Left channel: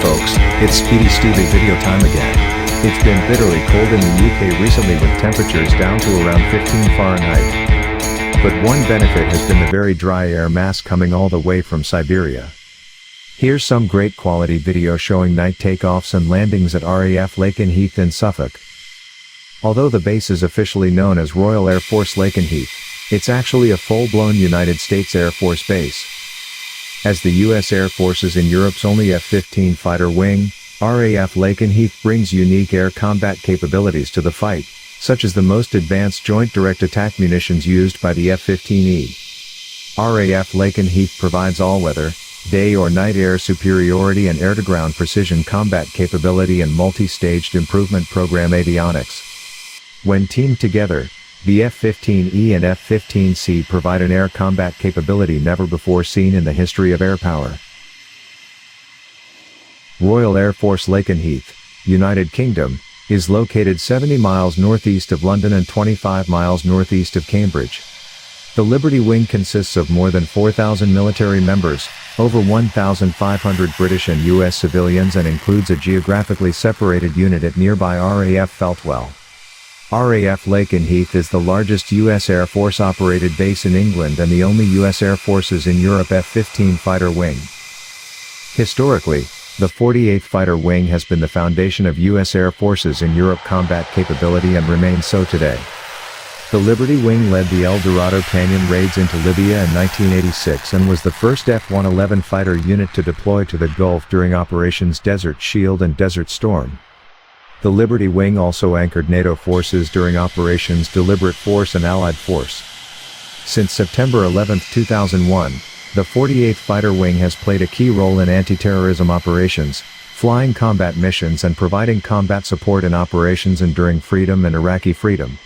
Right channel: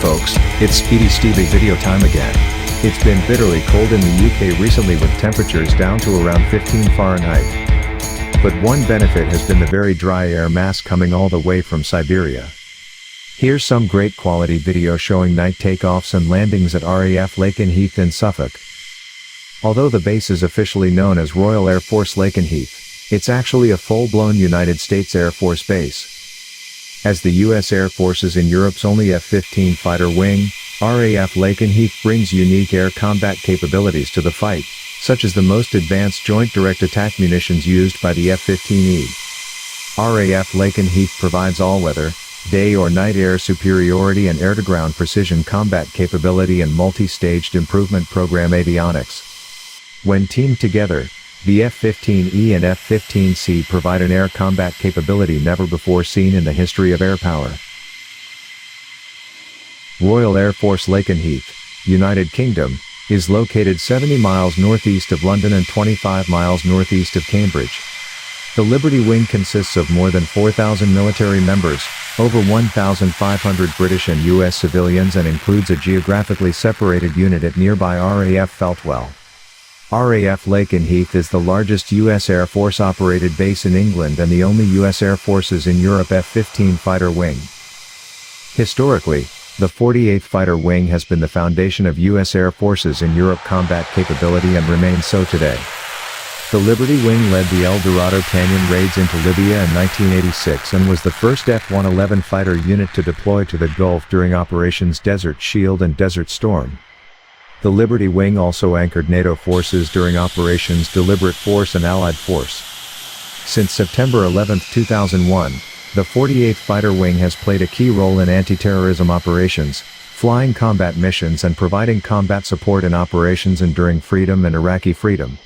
folks, it's Speedistevie video time again. It's been bitterly cold in the UK recently with temperatures down to around 15 Fahrenheit. But one benefit has been the very dry air mass coming all the way from Siberia. Here's some great quality video showing night takeoffs and landings at RAF Lakenheath in Suffolk. Although the base is officially known as Royal Air Force Lakenheath, it's actually a full-blown United States Air Force base. As the U.S. Air Force is in Europe's only F-15 fighter wing, RAF Lakenheath brings unique air combat capabilities to the fight, such as the most advanced Joint Direct Attack munitions used by the F-15E. RAF Lakenheath provides all-weather, day or night air superiority and air-to-ground precision combat capability and multi-staged improvement program avionics. When teamed together, the F-15E and F-15C provide an air combat capability never before seen in the history of air power. Royal Air Force Lakenheath, United Kingdom, is located 70 miles northeast of London and 25 miles northeast of Cambridge. The Liberty Wing consists of more than 4,000 military members, over 1,500 British and US civilians, and includes a geographically separated unit at nearby RAF Feltwell. RAF Lakenheath is the largest U.S. Air Force operated base in England and the only U.S. Air Force's in Europe F-15 fighter wing. Historically, the 48th Fighter Wing has been the foundation of U.S. Air Forces in Europe combat capability and remains so today. The Liberty Wing led the El Dorado Canyon raids into Libya in 1986 and was the first F-111 fighter unit to deploy to the Gulf during Operations Desert Shield and Desert Storm. The Liberty Wing also anchored NATO forces during Operations Deliberate Force and Allied Force. Since September 11, 2001, the 48th Fighter Wing has played a key role in anti-terrorism operations, flying combat missions and providing combat support in Operations Enduring Freedom and Iraqi Freedom.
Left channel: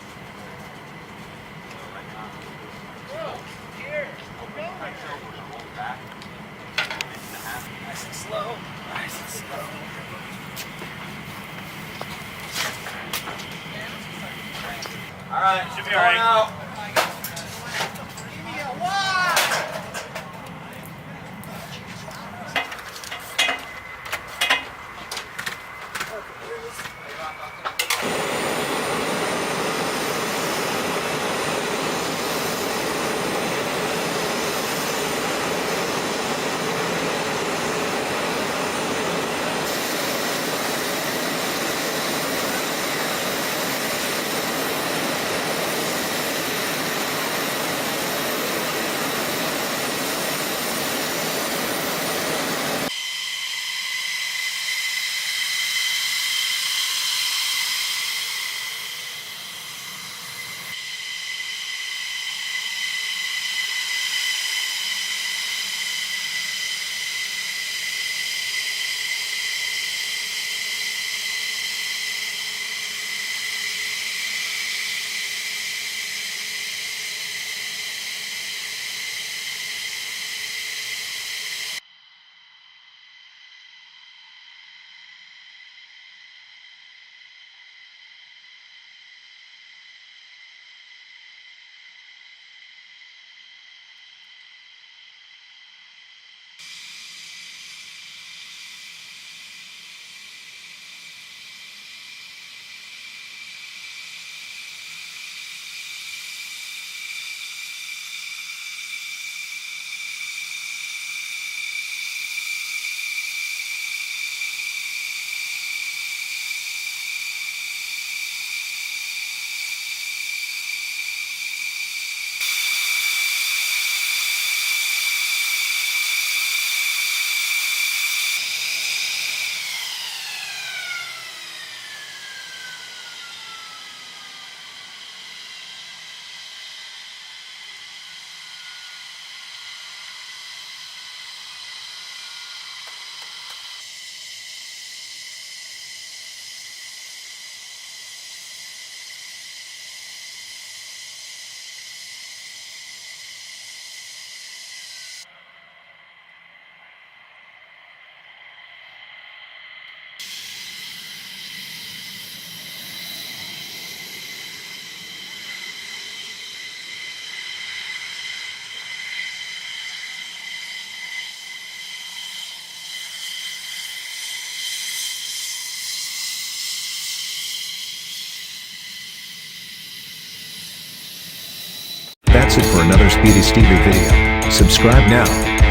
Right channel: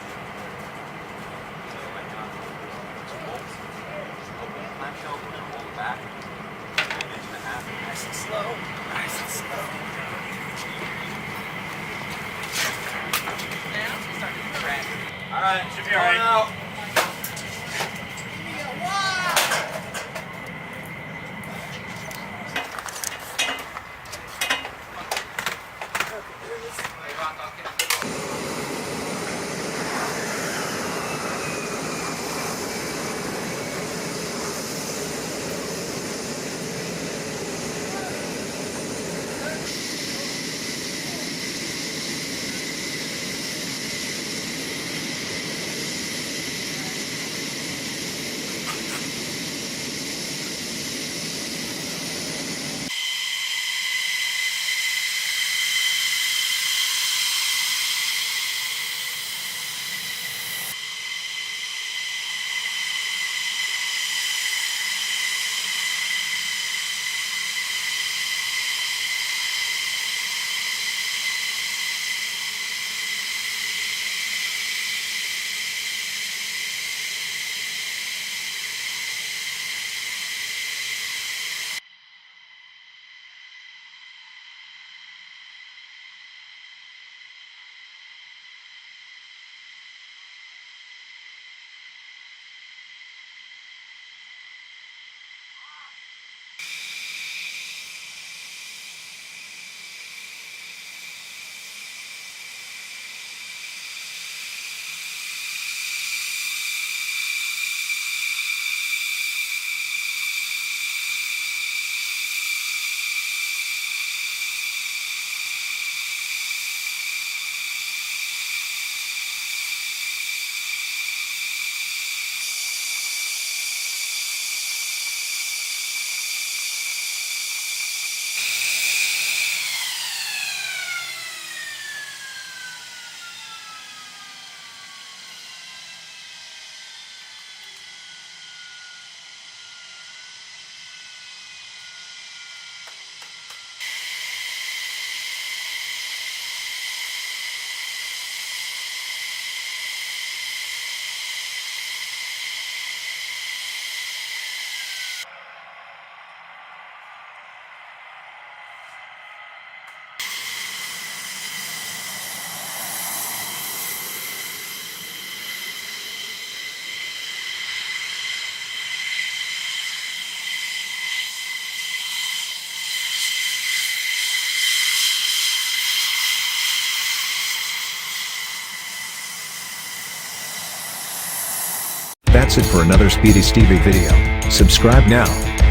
right now, open the clamshell, we're going to roll it back. An inch and a half. Nice and slow. Nice and slow. All right, should be all right. Out. That's it for another Speedistevie video. Subscribe now.